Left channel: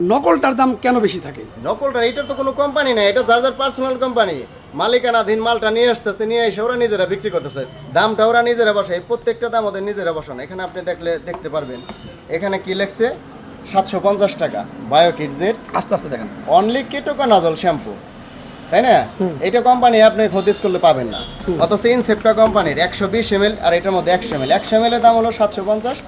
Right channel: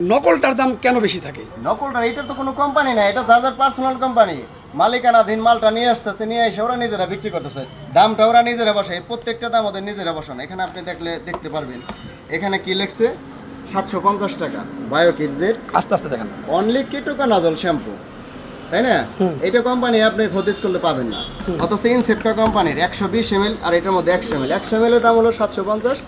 নকলটার দাম কেন বেশি থাকে? নকলটা এটার তো কোনো কোম্পানি নাই, এটা যার যার পার্সোনাল কোম্পানি, মালিকানাধীন মালটা নিয়ে আসতেছে, নিয়ে এসে ওরা নিজেরা বিক্রি করতেছে, দামটা ওরা নিজেরা বসায়, প্রত্যেকটা দাম ওদের নিজেরা বসানো। এখানে আপনি দেখতে পারবেন এখানে কি লেখছে, 750 টাকা বায়োকিট জেট, আস্তে আস্তে দেখেন, অনলি কিটোকোনাজল শ্যাম্পু, তাই না? এটা কোম্পানি আপনি খোঁজ করলে পাবেন না, অথচ ইনসেপ্টা কোম্পানির 120 ml আর এটার মধ্যে 100 ml, 100 ml এর দাম হলো 750,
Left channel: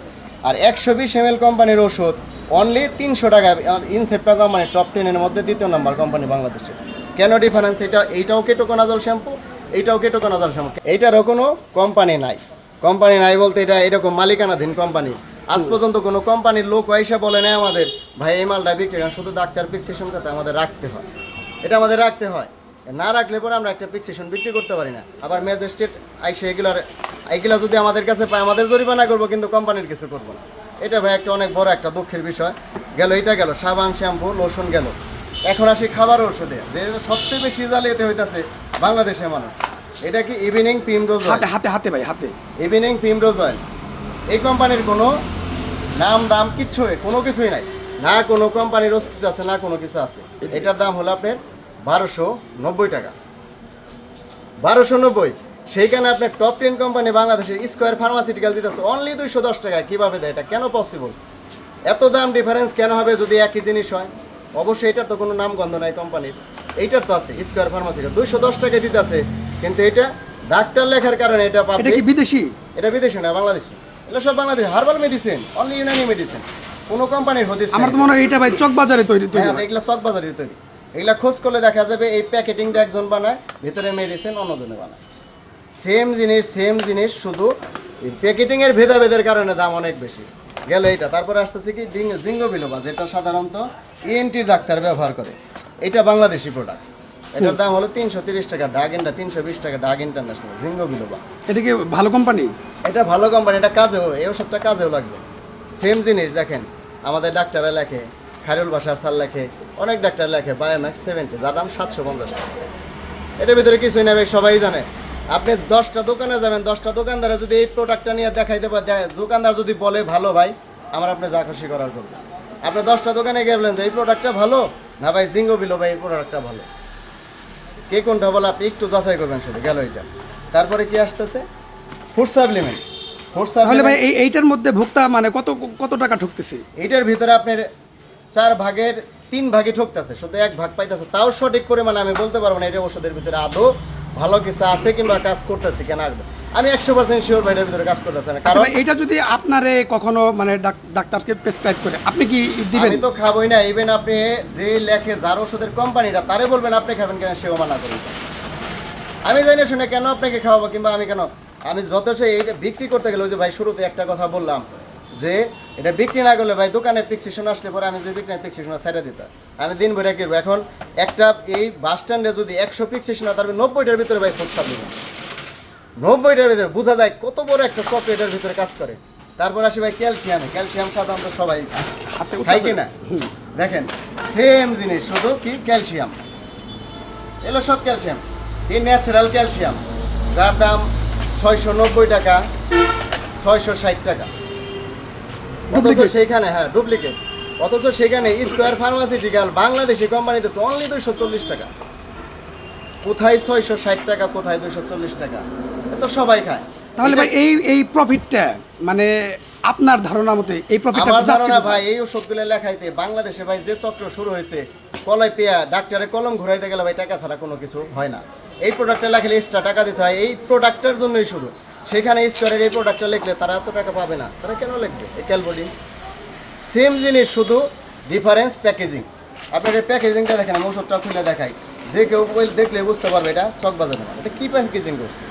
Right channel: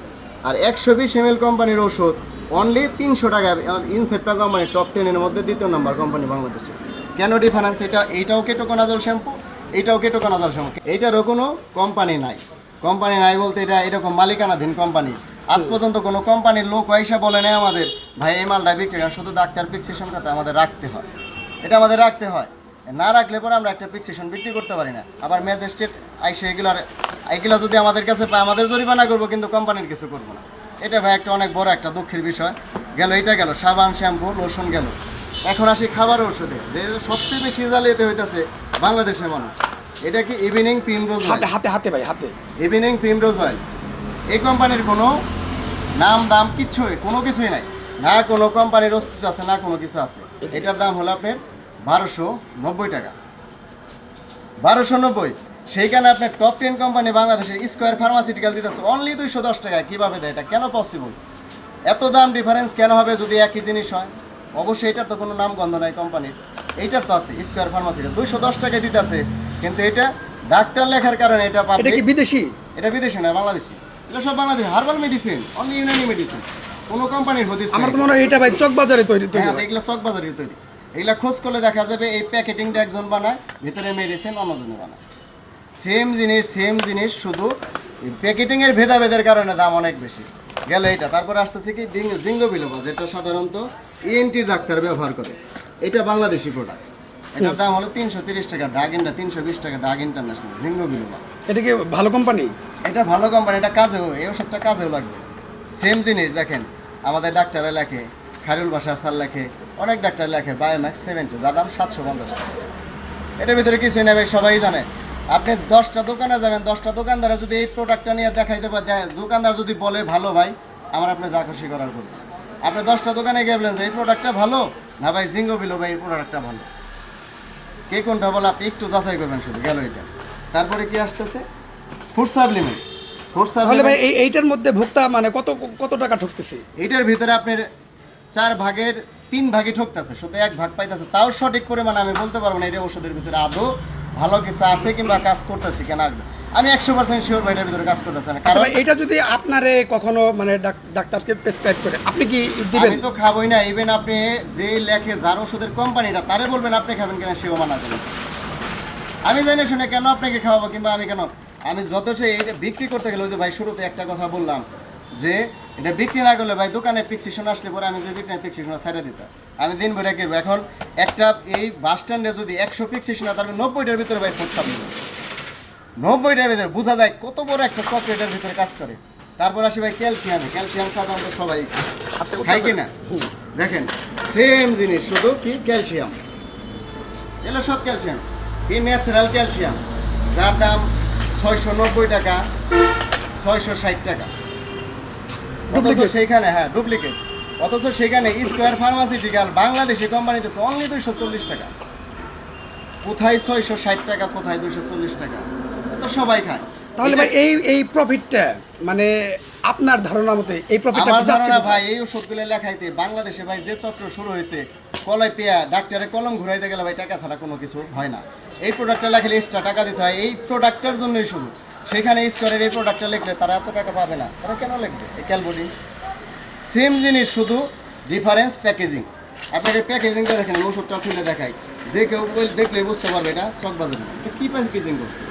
আর 120 ml কোম্পানির ওষুধ অনলি 300 টাকা। ইনসেপ্টা কোম্পানি টপ 10 এর মধ্যে দ্বিতীয় নম্বর কোম্পানি বাংলাদেশে। কেন ডিফারেন্স? এইটাও কিটোকোনাজল শ্যাম্পু, এইটাও কিটোকোনাজল শ্যাম্পু, এইটারও কোনো কোম্পানি নাই। কোম্পানি নাই বলতে এটা এরকম মালিকানাধীন কোম্পানি। আজ পর্যন্ত কোনো কোম্পানির লোক পয়সা বলে নেই আমাদের ভাই এই মালটা বিক্রি করেন, শুধু ডাক্তার প্রেসক্রিপশন করতে আমাদের রাখতে হয়, এটা আমাদের রাখতে হয়, না রাখলে পরে আমরা একটা প্রেসক্রিপশন বিক্রি করতে পারি না। আবার ম্যাজিস্ট্রেট আইসে এগুলো যদি আমাদের কাছে পায় আমাদের জরিমানা করবো, কিন্তু কোম্পানির কিছু করবো না। এটা ভাই একটা অনেক বড় একটা দুঃখের বিষয়। গেল এটা, গেল সাবান শ্যাম্পু লোশন গেল। এখন আসি খাবার ওষুধে, সবচেয়ে বেশি জালিয়াতি হইতেছে বাংলাদেশের মানুষ। এটা কি ইভিনিং প্রিমরোজ অয়েল, হাতে হাতে ভাই হাতে, ইভিনিং প্রিমরোজ অয়েল। এই কোম্পানির কোনো নাম দাম কোনো কিছুই নাই, না কোনো কোম্পানির অস্তিত্ব আছে, না কোনো কিছু আছে। এটার দাম হলো আপনার 1290 টাকা, 1290। সেইখানে আপনার টপ 10 কোম্পানি বাংলাদেশের স্কোয়ার ফার্মাসিউটিক্যাল দিতেছে অনলি 210 টাকা। কীভাবে দেয়? এটা কেন পসিবল? এত দাম ডিফারেন্স কেন হবে যদি একই জিনিস হয়? অবশ্যই এটার তো কোনো নামগন্ধ নাই কোম্পানির, এইটার তো আছে স্কোয়ার ফার্মাসিউটিক্যাল 210 টাকায় দিতেছে, কিন্তু এটা ডাক্তার লেখার কারণে এটা পাবে। এটা কি বিদেশি? এটা বিদেশি না, বাংলাদেশি। এটা সব Bangladeshi herbal medicine, only Unani medicine, কোনো কোম্পানির হদিস আমার তো মনে হয় এটা ভাই চকবাজারে তৈরি। হ্যাঁ, এগুলো চকবাজারের তৈরি। এগুলা খোঁজ করলে দেখা যাবে এই প্যাকেটিংটা একজন বানায়, ভিতরে মেডিসিন অন্যজনে বানায়। সেম জিনিস, শুধু প্যাকেটিংয়ের ভেদাভেদের কারণে দাম অনেক বেশি। গেল এইটা, তারপরে আসতেছে কি জিঙ্গো বিলোবা, যেটা সাধারণত ইএনটির ডাক্তার ব্যবহার করে। এটা বাংলাদেশি প্রোডাক্ট, এটার দাম হলো 330 টাকা। ড্রাগনটা 320 টাকা, ড্রাগ ইন্টারন্যাশনাল জিঙ্গো বিলোবা। এটা কি ভালো কোম্পানি? এটা ভালো কোম্পানি, এটা কাজেও, এই ওষুধটা কাজেও লাগবে। সেম জিনিস দেখেন, আমাদের ডাক্তাররা লেখে, খায়রুল বাশার স্যার লেখে, অনেক ডাক্তার লেখে বায়োম্যাক্স 70, যার দাম 750 টাকা। এটার ভিতরে কিছুই নেবে, সবাই জানে। আপনি 10টা দোকানে যাবেন, 10টা দোকানদারা যদি এই প্রোডাক্টটা নিয়ে দেখাইতে পারে, দোকানদার যদি বলে ভালো ভাই, আমার আপনি যা খুশি করার করবেন। আপনি 10টা দোকানে গেলেন যে এই প্রোডাক্টটা ভালো না ভাই, জিঙ্গো বিলো ভাই এই প্রোডাক্টটা ভালো, কে কোনটা বলে আপনি একটু যাচাই করবেন শুধু। গেল এটা, তারপরে কি আসতেছে ফুড সাপ্লিমেন্ট। তাহলে ভাই এইটার মধ্যে ভোক্তা মানে কত কত টাকা ঠকতেছে? এটার ভিতরে আপনার 4 ভাগের 3 ভাগে ঠকতেছে, শুধু 1 ভাগ পাইতেছে। তাও সঠিক পরিমাণে আমি বলতে পারবো না এটা ওষুধের ভিতরে আদৌ ভালো কিছু আছে কিংবা কাজ করতেছে কেন। আমি 100% শিওর ভাই এটার ভিতরে কাজ করতেছে না। কারণ এটা যদি আপনারে কখনো মানে ডাক্তারকে প্রেসক্রাইব করে, আপনি কি দিবেন? আমি তো খাবোই না। ইভেন আপনি যে লেখে যার ওষুধের কোম্পানিটা, তারে বলবেন আপনি খাবেন কেন, সেও মানা করবে। আমি জানি শুনে কেন আপনাকে খাওয়াবো, কিংবা আমি কেন, আমি যথেষ্ট এইটা বিক্রি করতে গেলে, ওই যে ভাই শুরুতে একটা কথা বললাম যে এটা বিক্রি না করলে ভাই দোকানে প্রেসক্রিপশন আসলে পরে আমি যে বিক্রি প্রেসক্রিপশন ছেড়ে দিতাম, আমি দিন ভরে কিনবো। এখন একটা এই বাস স্ট্যান্ডে যদি 100 প্রেসক্রিপশন হয়, তারপরে 90টার ভিতরে ভাই ফুড সাপ্লিমেন্ট, 90টার ভিতরে বোঝা যায় কত বড় একটা চকলেটের ভিতরে কাজ করে। তারপর আসি ভাই ক্যালসিয়াম সাধারণত সবাই খাই কিনা, দেখেন সেম জিনিস, শুধু কি ক্যালসিয়াম, এগুলো সব ক্যালসিয়াম, কি ন্যাচারাল ক্যালসিয়াম, যার দাম 690 টাকা, 660 টাকা। অথচ সেইখানে, হ্যাঁ ডুপ্লিকেট, অথচ সেখানে স্কোয়ার ফার্মাসিউটিক্যাল বাংলাদেশি কোম্পানিতে অনলি 240 টাকা। কোথায় 660 টাকা, কোথায় 240 টাকা, তো সবাই খায়। তাহলে ভাই এই প্রফিটটা মানে আপনার ধারণা মতে এই প্রফিটটা আমার ধারণা ভাই এই ওষুধগুলো লেখাইতে বাংলাদেশে ভাই যে চক্র শুরু হয়েছে, কলাই পেয়া ডাক্তারে কলম ঘুরাইতে গেলে ভাই টাকা ছাড়া কোনো কিছু হয় না। এই প্রোডাক্টটা লেখলে এক্সট্রা টাকা দিতে হয়, এই প্রোডাক্টটার জন্যই শুধু। সেখানে স্কোয়ারের এই প্রোডাক্টটা লিখলে তারা এত টাকা পাবে না, তারা কেন লিখবে? এই ক্যালবডি সেম জিনিস, শুধু ডিফারেন্স প্যাকেজিং। আপনার এই প্যাকেজিংটা দেখেন, আমি ওষুধটা খুলে দেখাই, যে কেউ দেখলে বুঝতে পারবে এটা চকবাজার না। এটা কী প্যাকেজিং করছে,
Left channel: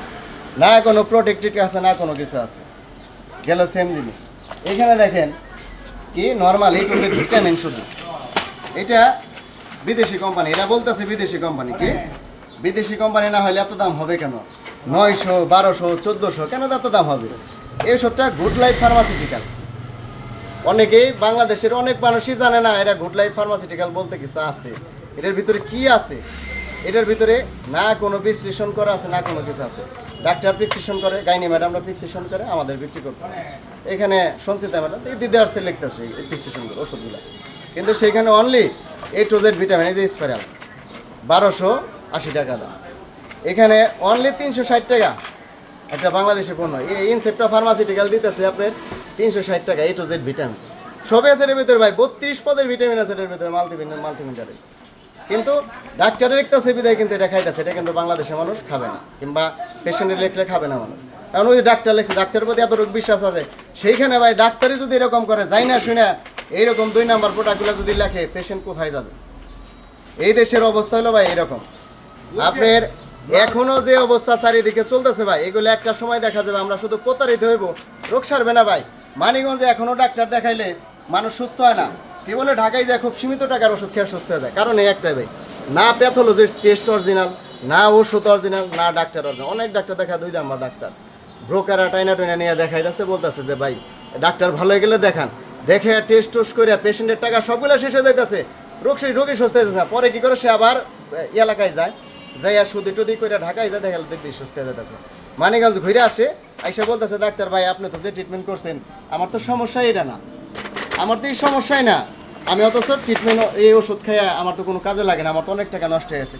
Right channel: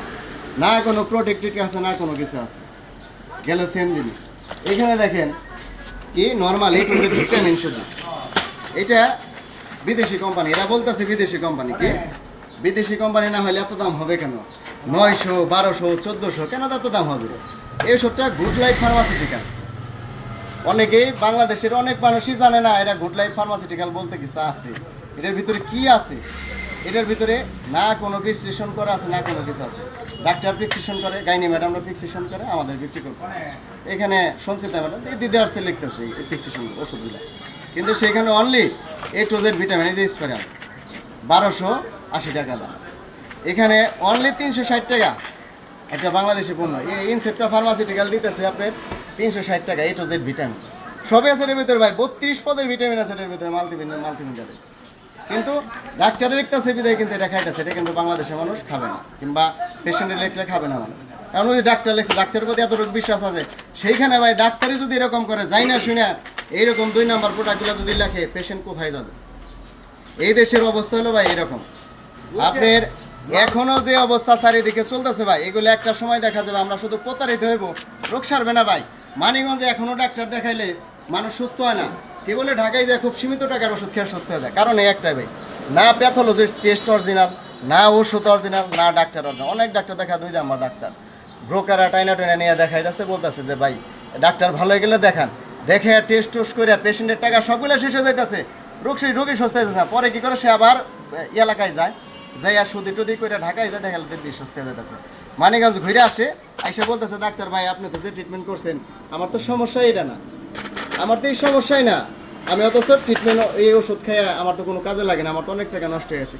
না কোনো প্রোটেক্টেড আছে, না কোনো কিছু আছে। গেল সেম জিনিস, এখানে দেখেন কি নর্মাল এই টু জেড ভিটামিন শুধু। এটা বিদেশি কোম্পানি, এরা বলতেছে বিদেশি কোম্পানি। কি বিদেশি কোম্পানি না হলে এত দাম হবে কেন? 900, 1200, 1400 কেন এত দাম হবে? এই ওষুধটা গুড লাইফ ফার্মাসিউটিক্যাল। অনেকেই বাংলাদেশের অনেক মানুষই জানে না এটা গুড লাইফ ফার্মাসিউটিক্যাল বলতে কিছু আছে। এটার ভিতরে কি আছে? এটার ভিতরে না কোনো প্রেসক্রিপশন করা আছে, না কোনো কিছু আছে। ডাক্তার প্রেসক্রিপশন করে, গাইনি ম্যাডামরা প্রেসক্রিপশন করে, আমাদের বিক্রি করতে। এখানে সঞ্চিতা ম্যাডাম এই দিদি আসছে লিখতেছে এই প্রেসক্রিপশনগুলো, ওষুধগুলো। কিন্তু সেখানে only A to Z vitamin এই যে স্পাইরাল 1280 টাকা দাম, এখানে অনলি 360 টাকা একটা বাংলাদেশে পণ্য। এই ইনসেপ্টা ফার্মাসিউটিক্যাল দিতেছে আপনার 360 টাকা A to Z ভিটামিন, সবই আছে এর ভিতরে ভাই, 32 পদের ভিটামিন আছে এর ভিতরে, মাল্টিভিটামিন। কিন্তু ডাক্তারে লিখতেছে বিদায় কিন্তু এটা খাইতেছে, এটা কিন্তু বাংলাদেশের মানুষ খাবে না, কিংবা পেশেন্টের লিখলে খাবে না মানুষ। কারণ ওই ডাক্তার লিখছে, ডাক্তারের প্রতি এতটুকু বিশ্বাস আছে, সেইখানে ভাই ডাক্তারই যদি এরকম করে, যাই না শুনে এইরকম 2 নাম্বার প্রোডাক্টগুলো যদি লেখে, পেশেন্ট কোথায় যাবে? এই দেশের অবস্থা হলো ভাই এরকম। আপনার এখনো যে অবস্থা চারিদিকে চলতেছে ভাই, এগুলো একটা সময় দেখা যাবে আমরা শুধু প্রতারিত হইব, রোগ সারবে না ভাই। মানিকগঞ্জে এখনো ডাক্তার দেখাইলে মানুষ সুস্থ হয় না, কি বলে ঢাকায় যায় খুব সীমিত টাকার ওষুধ খেয়ে সুস্থ হয়ে যায়। কারণ এই একটাই ভাই, না প্যাথোলজিস্ট টেস্ট অরিজিনাল, না ওষুধ অরিজিনাল, না ডাক্তার অরিজিনাল। অনেক ডাক্তার দেখা 2 নাম্বার ডাক্তার, ব্রোকাররা টাইনা নিয়ে দেখাইতেছে, বলতেছে যে ভাই ডাক্তার ভালো হয়ে গেলে দেখান, দেখে টেস্ট করে পেশেন্টের টাকা সবগুলো শেষ হয়ে যাইতেছে, রোগী সুস্থ হয়ে যাচ্ছে। পরে কি করে সে আবার এলাকায় যায়, যাই আর সুদি টুদি করে ঢাকায় যায়, দেখা দেখবি সুস্থ হয়ে যাইতেছে। মানিকগঞ্জ ঘুরে আসে, আইসা বলতেছে ডাক্তার ভাই আপনি তো যে ট্রিটমেন্ট করছেন আমার তো সমস্যা এটা না, আমার তো এই সমস্যাই না, আমি অথচ ট্রিটমেন্ট এই ওষুধ খেয়ে আমার তো কোনো কাজে লাগে না, আমার তো অনেক টাকা নষ্ট হয়ে গেছে।